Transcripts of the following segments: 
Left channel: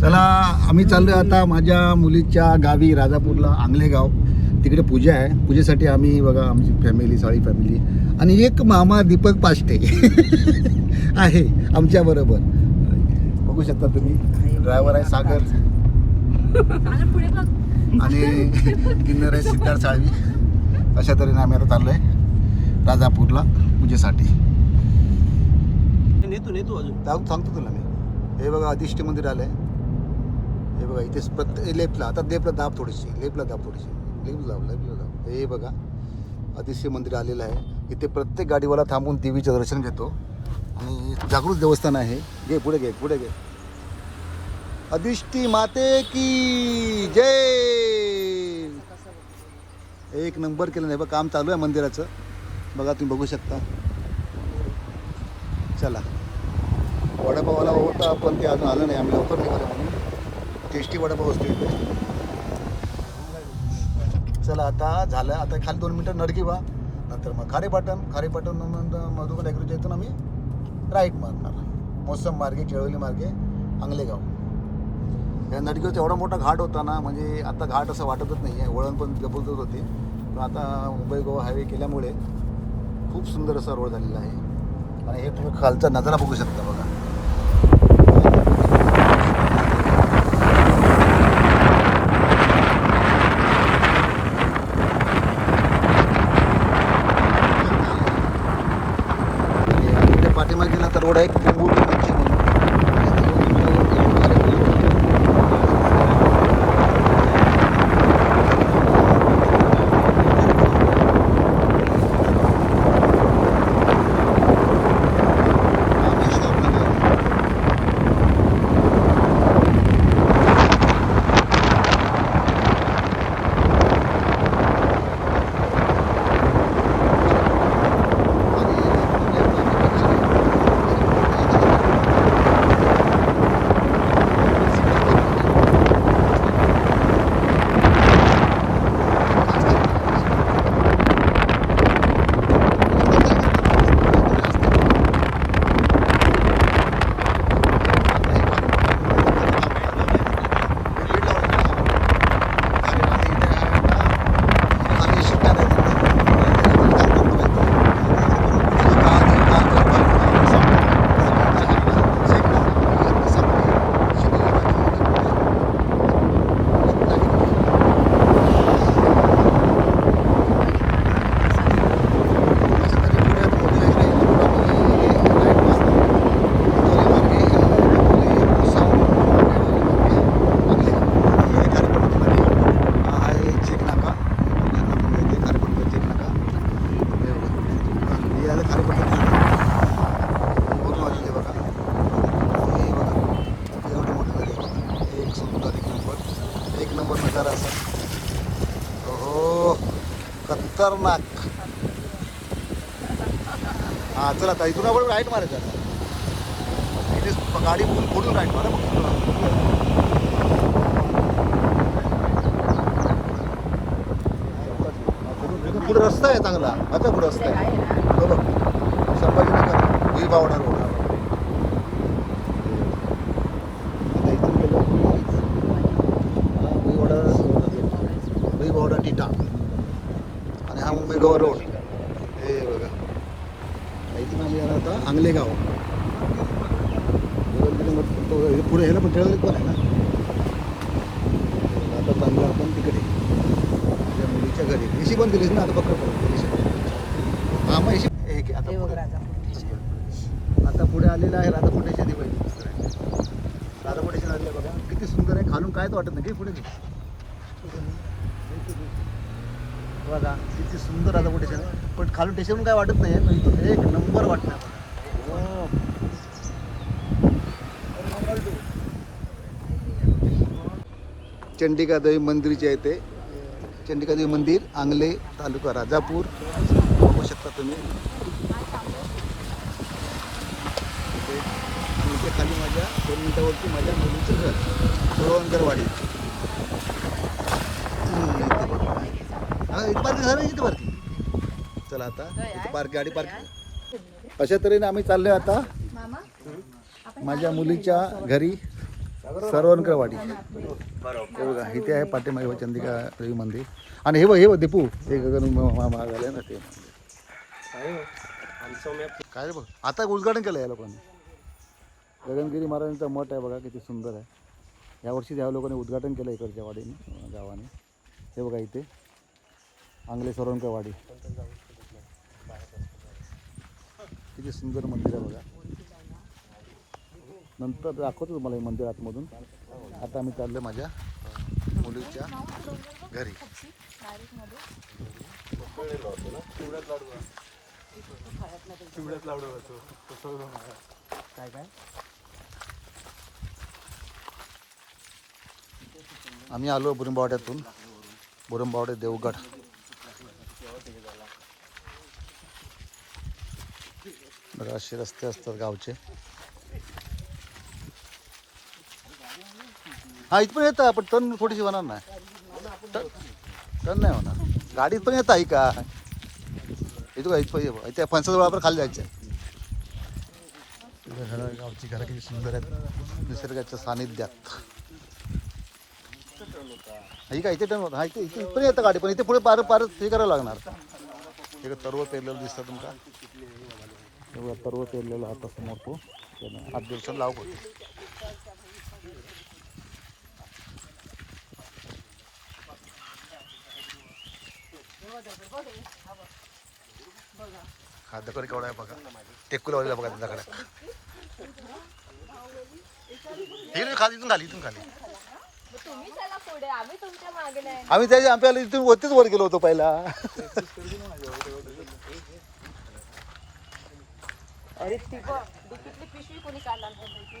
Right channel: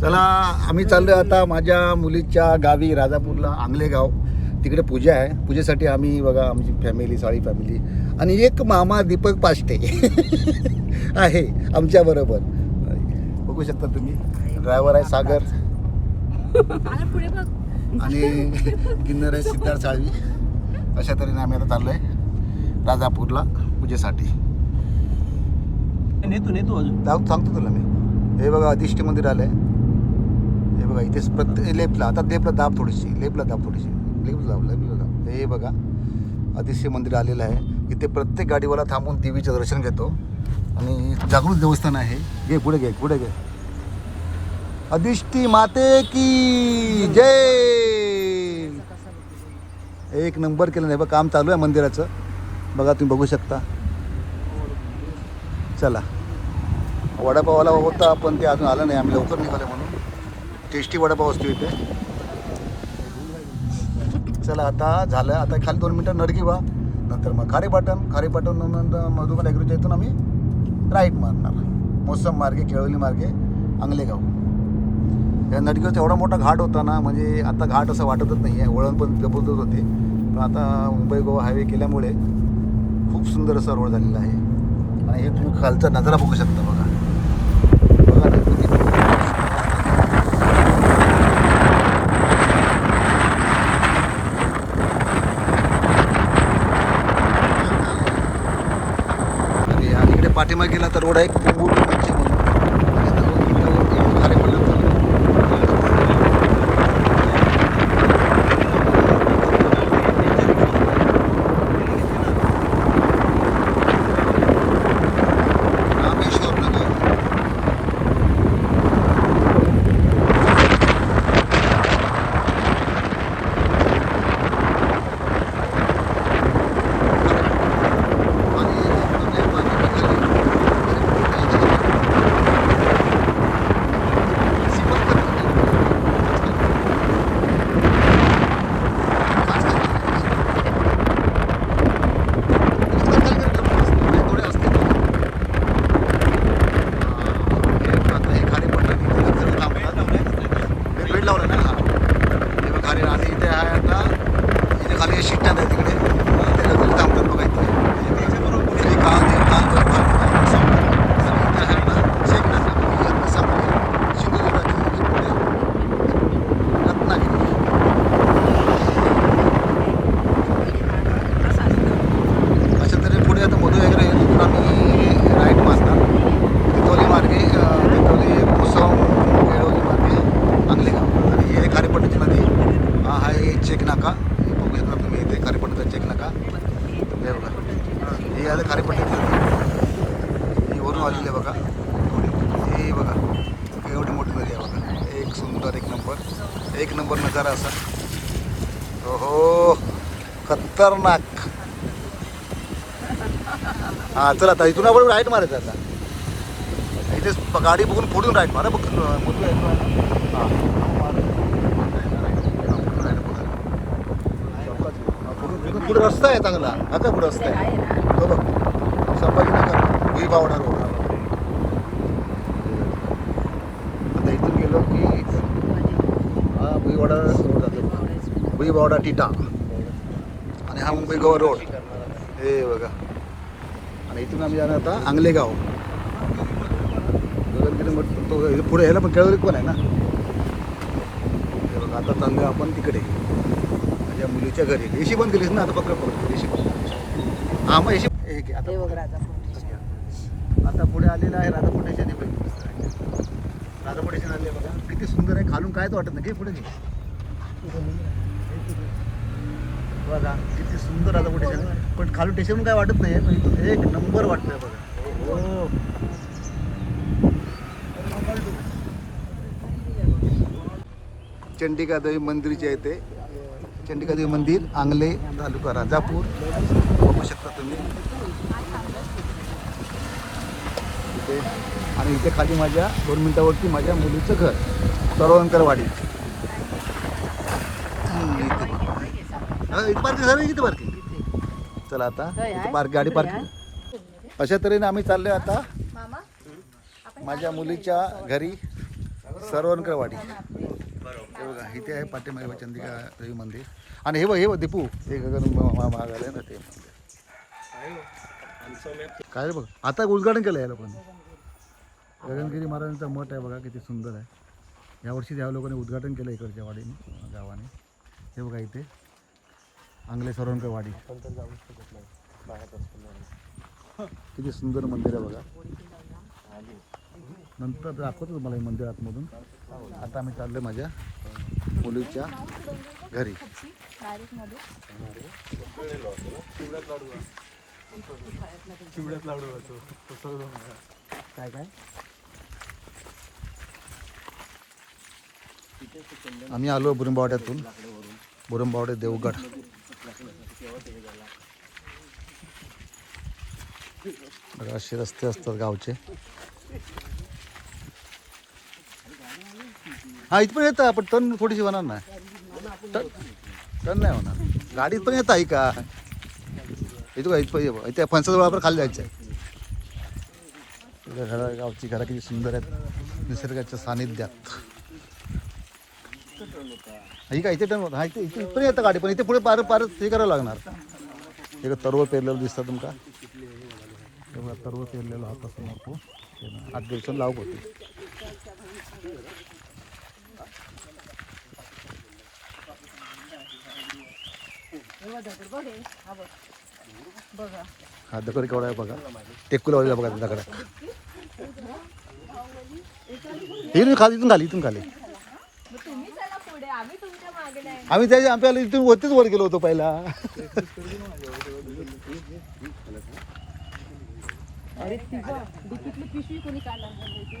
चला आम्ही चाललो आता माझ्या मुलीच्या गावी राजापूरला आंगलेगाव. तिकडे पूजा आहे. पूजेसाठी आम्ही बघा आमची फॅमिली साळी फॅमिली आणि एक मामा दीपक पाष्टे आहे आमच्या बरोबर. बघू शकता तुम्ही. ड्रायव्हर आहे सागर. आणि किन्नर आहे सिद्धार्थ साळवी. अशा तऱ्हेने आम्ही आता चाललो आहे राजापूरला पूजेसाठी. सांगतो तुला मी. हे बघा अधिष्ठी मंदिर आलंय. हे बघा इथे प्रत्येक लेपला. आता लेपला दाब थोडीशी लेपला दाब थोडीशी. लेप दाब लेपला दाब. हे बघा अतिशय मंदिर आलेलं आहे. इथे प्रत्येक गाडीवाला थांबून देवीचं दर्शन घेतो. आणि जागृत देवस्थान आहे. घे पुढे घे पुढे घे. अधिष्ठी माते की जय! एक नंबर केलं नाही बघा काम चालू आहे मंदिराचं. बघा तुम्ही बघू शकता. चला. वडापावाला होता पण ते अजून आलं नाही. आम्ही लवकर निघाले म्हणून. टेस्टी वडापाव असतो इथे. चला आता झालं. आता खाली दोन मिनटं नडकी व्हा. नंतर मग खारेपाटण खारेपाटण नंतर मधुबन ॲग्रोच्या इथून आम्ही राईट मारणार. मोसम मार्गे केळवली मार्गे आंगलेगाव. या नडकीचा एवढा मोठा घाट होता ना म्हणजे आता घाट असं वाटतच नाही आहे वळण पण जबरदस्त होते. पण आता मुंबई गोवा हायवे केल्यामुळे खूप सुंदर असा रोड झालेला आहे. आणि हे तुम्ही खालचा नजारा बघू शकता बघा आणि या इकडे पाठीमागे गेला तर रोड आहे कोंबूर मंची म्हणून खारेपाटण. अशा तऱ्हे पुढे आता मोदी वगैरे आहे तिथून आम्ही राईट मारणार तिथोली मार्गे अ, तिथोली कोसम केळवली मार्गे आंगलेगाव आणि हे खारेपट्टीची नदी हा आहे चेक नाका हे बघू शकता तुम्ही इथे खारेपट्टीचा चेक नाका हे बघा हा, हे आलं खारेपट्टीची नदी ही वरून आलेली आहे बघा हे बघा एवढी मोठी नदी आहे बघा एक सुंदर एक नंबर एक नंबर नजारा असा हो खतरनाक हां चला आता इथून आपण राईट मारायचं आता. इथेच गाडी बघून फोडून राईट मारा बघ पुढे रस्ता आहे चांगला. आता पुढे रस्ता आहे. तो बघ. संभाजीनगर भुईबावडा रोड आता इथून गेलो की हा भुईवाडा रोड जातो टिटा. आणि हा मुंबई गोवा रोड. हे बघा. इथून आम्ही जाणार आता आंगलेगाव पुढे ह्याला पण केळवली पण आहे ना. आता चाललो आपण तिकडे. माझ्या मुलीच्या घरी. एशी बंद केलीस ना आता पत्र पडतो एशी बंद हां मग एशी हे आता आता पुढे आलेलं आहे राधापुटेच्या दिवस. राधापुटेच्या आले बघा. किती सुंदर आहे. खालून कायच वाटत नाही. पुढे बघा किती सुंदर राधापुटेशन पण खालून टेशन काय वाटत नाही पण इथून एक नंबर वाटतंय बघा. हो मंदिरच्या इथे मंदिरचे आहे ते मंदिर आंगले तालुका राजापूर. बघू शकता तुम्ही. इथे आणि इथे खाली माझ्या दोन मिनिटावरती माझ्या मुलीचं घर सरवणकरवाडी इथे. पार्किंग सर इथे पार्किंग चला आता. इथे पार्क गाडी पार्किंग अशा तऱ्हेने आम्ही चाललोय आता माझ्या मुलीच्या घरी सरवणकरवाडी हे बघा इथे आहे पाठीमागे चंदिका देवी मंदिर. आणि हे बघ हे बघ दीपू. हे गगन महाग आले ना ते. काय रे बघ आता उद्घाटन केलं या लोकांनी गगनगिरी महाराजांचा मठ आहे बघा किती सुंदर आहे. यावर्षी त्या लोकांनी उद्घाटन केलं इकडच्या वाडीने गावाने. हे बघा इथे आंगले सरवणकरवाडी किती सुंदर मंदिर आहे बघा. नंतर दाखवतो तुम्हाला हे मंदिर आतमधून. आता आम्ही चाललो माझ्या मुलीच्या घरी. काय काय? आम्ही आलो बुरंबावड्यातून बुरंबावडे देवगड. बघा असे रस्ते असतात गावचे. हा इथं पण येतं पण टन थोडीशी होणार नाही. टन नाही होणार. गाडीत पण येत आहे का? इथं का इथं ये इथे वापर खाली जायचं आहे. तुझ्या घरा गावची घरं किती सुंदर आहेत. निसर्गाच्या सानिध्यात. ही काय इथे टन होतं हा इथे इथे पण येतं गाडी पण इथे पुढे पार पार हे करावं लागणार. एक तरव पेरलेलं दिसतं तुमका. एवढा तरव पेरलेला होता समोर तो. त्यानं आठ दिवसांनी लावक होती. हा दगड केवढा आहे बघा. टेकूला वाजला बघा त्या दगडात. इथून खाली इथून खाली. इथून खाली आम्ही त्याच्या आमच्या इथून वरतीच वर गेलो होतो पहिला अरे ती बघ डिकीतली पिशवी कोणी काढणार नाही इथे?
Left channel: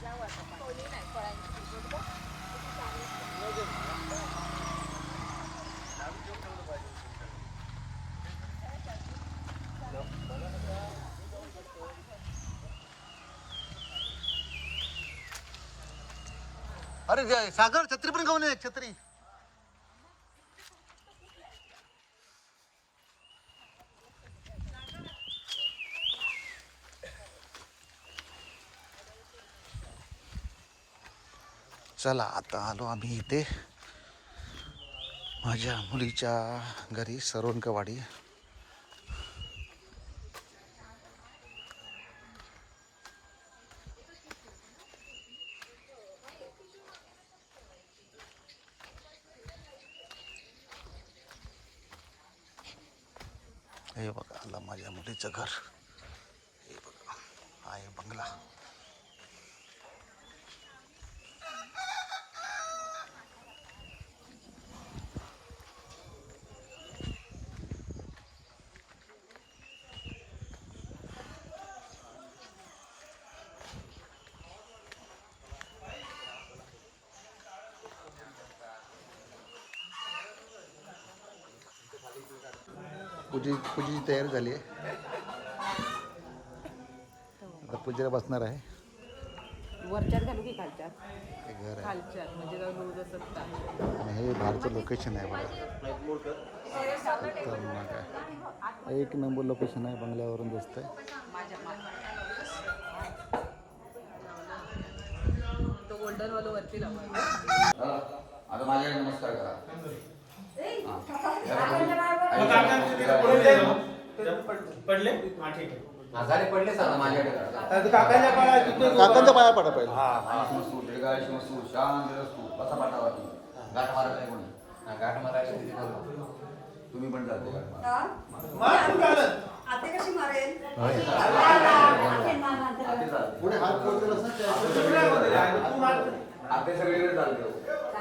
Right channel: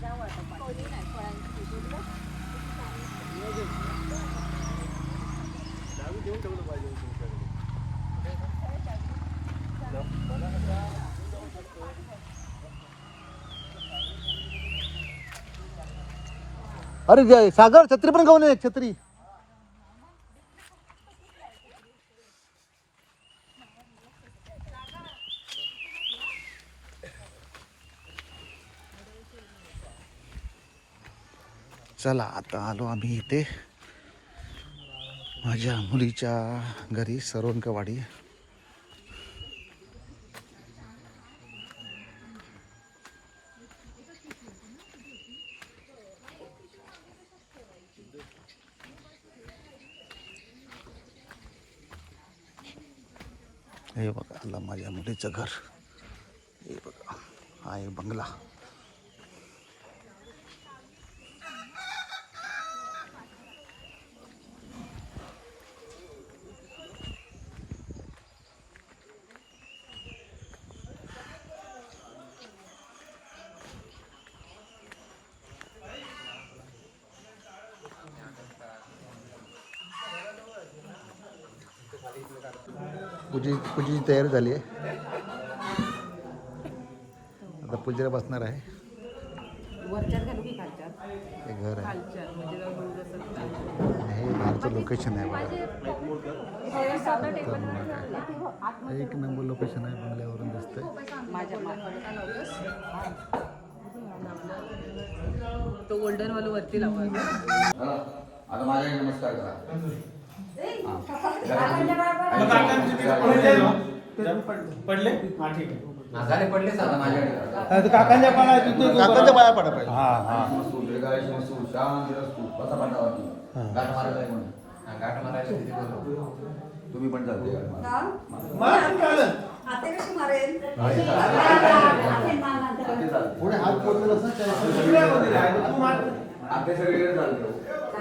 त्यामुळे आता पाठी नाही, फळांची पिशवी बघ. अरे जय सागर छत्री पण घेऊन ये एक छत्री चला आता आलो आम्ही इथे. माझ्या मुलीच्या घरी सरवणकवाडी हे बघा आलं माझ्या मुलीचं घर. हे बघा हा आहे बंगला. पूजी पूजेची तयारी झाली आहे. आता पूजेला बसणार आहे? हे घर आहे. म्हणजे हे बाहेरचं लोकेशन आहे बघा. एक नंबर लोकेशन आहे बंगल्यावरून दिसतंय. माझ्या तो गोल्डन वाला वरती लावला आता माझ्याकडे नमस्कार करा. पडले? हा ठीक आहे. आजारी पडले माझ्याकडे काकांच्या काळात काकांच्या पाया पडा पाहिजे मसूर मसूर कसा पाठावाटी गाठ मारा काय कोण? हा, गाठ मारायची तिथे बोलवा. तुम्ही पण चालते गाठ मारा आते कशी मारेल? आते चालते. पुढे हात पोहोचला असं आते सगळीकडे चालते.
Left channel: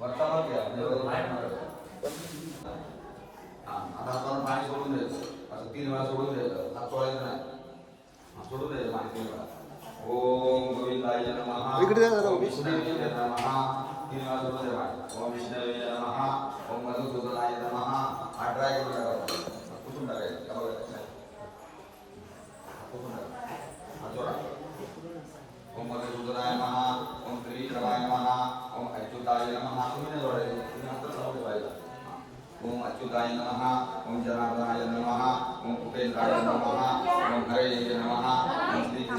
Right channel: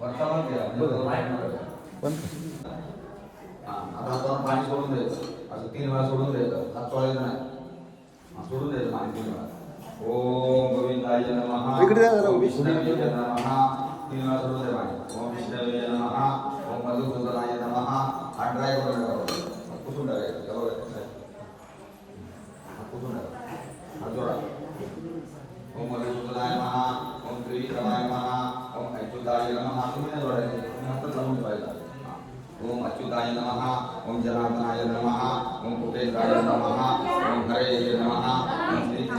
वर्तमान म्हणजे आता हाताला पाणी सोडून द्यायचं. असं तीन वेळा सोडून द्यायचं. हात सोडायचं नाही. सोडून द्यायचं पाणी तीन वेळा. ओम गोविंदाय नमः. इकडे जा जरा विष्णुदेवाय नमः. तीन वेळा सोडून द्या पाणी. ओम विष्णुदेवाय नमः. ओम मधुसूदनाय नमः. अठरा एक वेळा कुठून टाकायचं कुठून टाकायचं हा जोडा. ओम मधुसूदनाय नमः. द्यायचं असं तीन वेळा सोडून द्यायचं हात चोळायचा नाही हा, सोडून द्यायचं ओम गोविंदाय नमः इकडे जा जरा उभी. विष्णुवे नमः अच्युताय नमः तुम्ही कुत्रा कुत्रा हातच लावून ठेवायचा हा. ओम अच्युताय नमः ओम जनार्दनाय नमः ओम कुटेंद्राय नमः ओम हरे नमः ओम श्री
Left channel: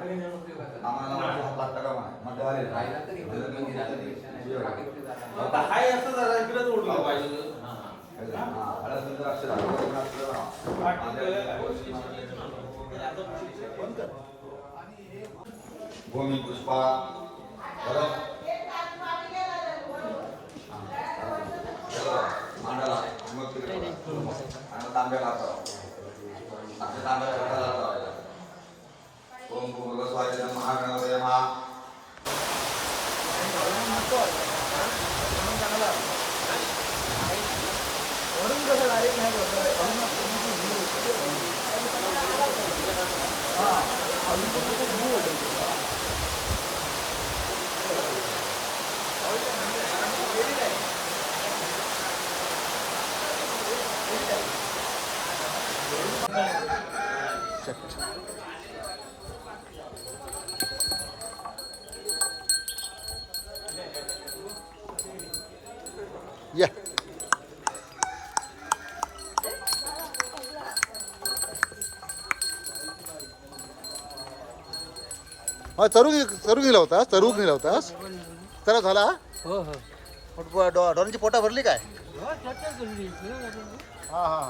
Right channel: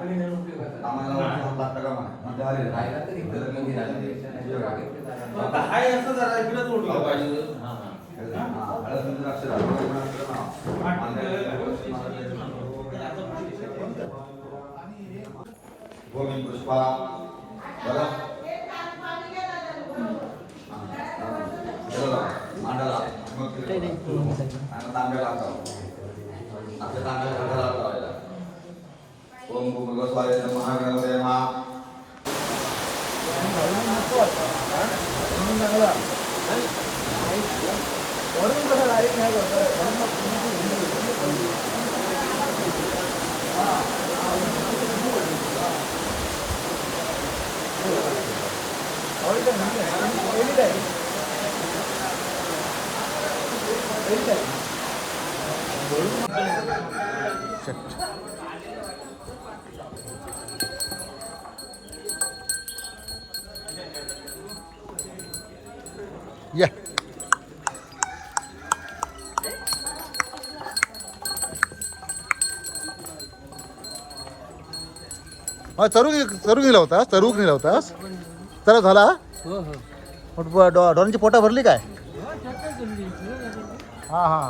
कृष्णाय नमः आम्हाला हात लागता का हाय असं जरा इकडेच पुष्पा बरं tanggal atau ada tanggal tanggal atau ya tunggu bagus wajah dan makan kalau saya mah orang kalau lari kayak gitu orang mau punya tuh ini orang kan ini ini ini ini या. हा तरुग तरुग नेला होतास तरुग नेला होतास चला झाला. हो हो. मग ब- डॉ- डॉलरची पोटा भरली काय? हो हा हा.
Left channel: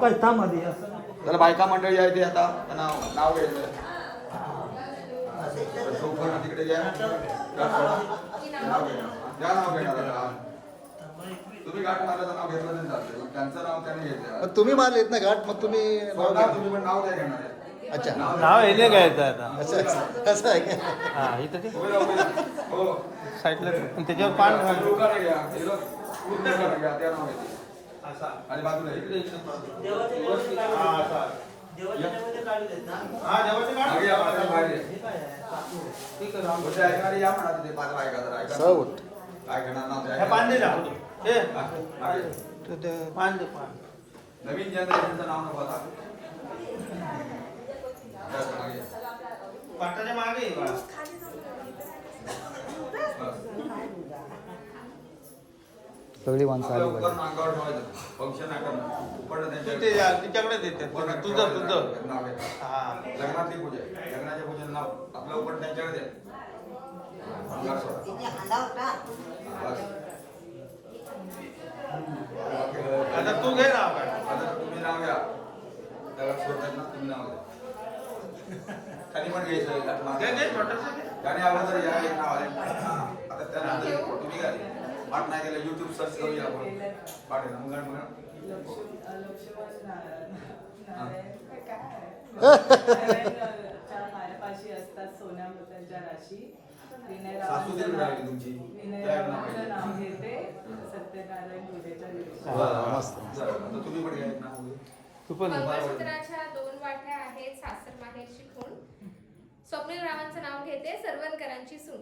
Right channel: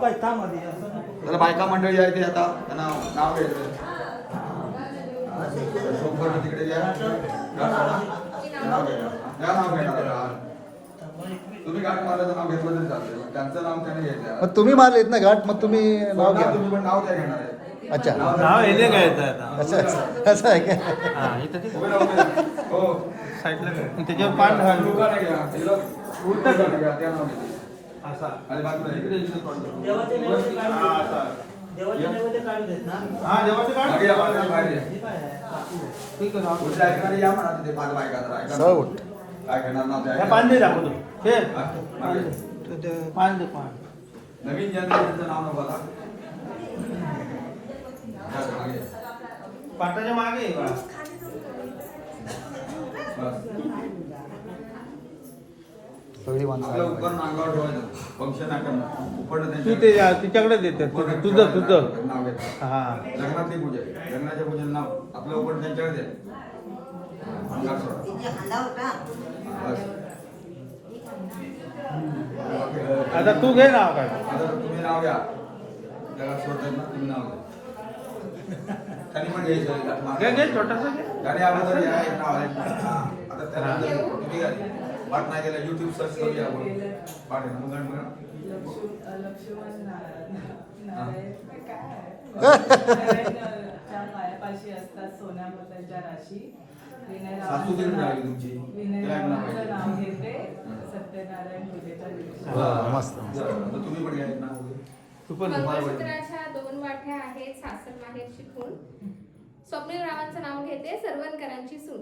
अवकाश थांब आधी असं तर बायका मंडळी आहे ते आता त्यांना नाव घ्यायचं. संपूर्ण तिकडे त्याच्या नाव घेणार? तुम्ही घाट मारायचं नाव घेतलं तरी चालते पण त्यांचं नाव त्याने घेतलं. मग तुम्ही मारलेत ना घाट मग तुम्ही नाव घ्या. तुम्ही पण नाव त्या घेणार आहे. अच्छा. नाव घ्यायचं आता? असं आहे का? हा. हो साईडला. त्याच्यावर पान घाल. उलटं घ्या, ते नाव घेते. असा आणि बाजूला इकडे इकडे पान ठेवा. देवाचे नैवेद्य काढून देवाचे नैवेद्य काढून देत ना? हा देवाचे मागे या, मागे बाहेर या. ठीक आहे. पुढच्या ऐकणारे या म्हणा तिथे पाच बायका जरा ऐका. साऊट काय घेणार हे ऐका. पान दे दाखवतो. हे. हा, मागे. तो ते पान दे पान नवीन जनरेशनचं नाव नको आता. या, मागे. मागे आहे बा. सगळी माणसं फंक्शन तिच्याकडे देते. तुझं तुझं नाव हा. लग्नातली पूजा. लग्नाच्या पूजेचं नाव आपलं उपकरण त्यांच्याकडे. आता तू घे ना आपण आता तुम्ही नाव घ्या. त्याला सोडताय ना तुम्ही नाव घ्या. खाली पण घ्यायचं. गाडी अगोदर या एक नाव आहे आता त्यानंतर तुम्ही घ्या पाठ नाही गेलं युट्यूब सर्च करूया आपण आहे. अंगण. पायापाशी असतात सोन्याबद्दलच्या राशी तुमची. नाव घेते सत्यनारायण तुम्ही पण घ्या तू पण दोन वाट्या आहेत सासर माहेर शिकून स्वप्नील रावांचं नाव घेते सरवणकरांची सून.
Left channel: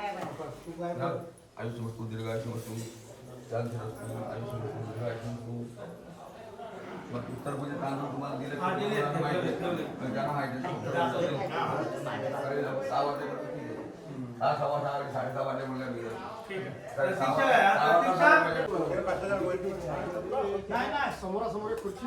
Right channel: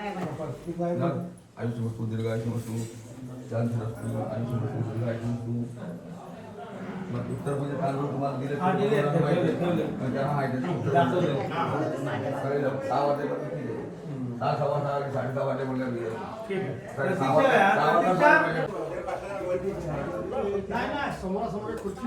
आयुष वस्तु दीर्घायुष्य वस्तु चाँद आयुष्य वस्तु दीर्घायुष्य वस्तु मग उत्तर म्हणजे तांदूळ तुम्हाला दिले सहा वाजता सहा सव्वा सहा साडे सहा वाजल्यामुळे समोरासमोर खुर्ची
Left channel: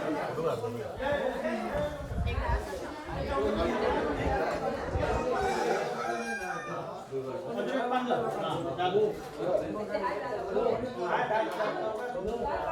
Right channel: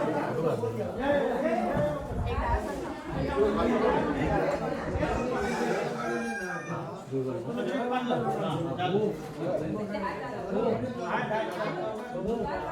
¿Lo vamos?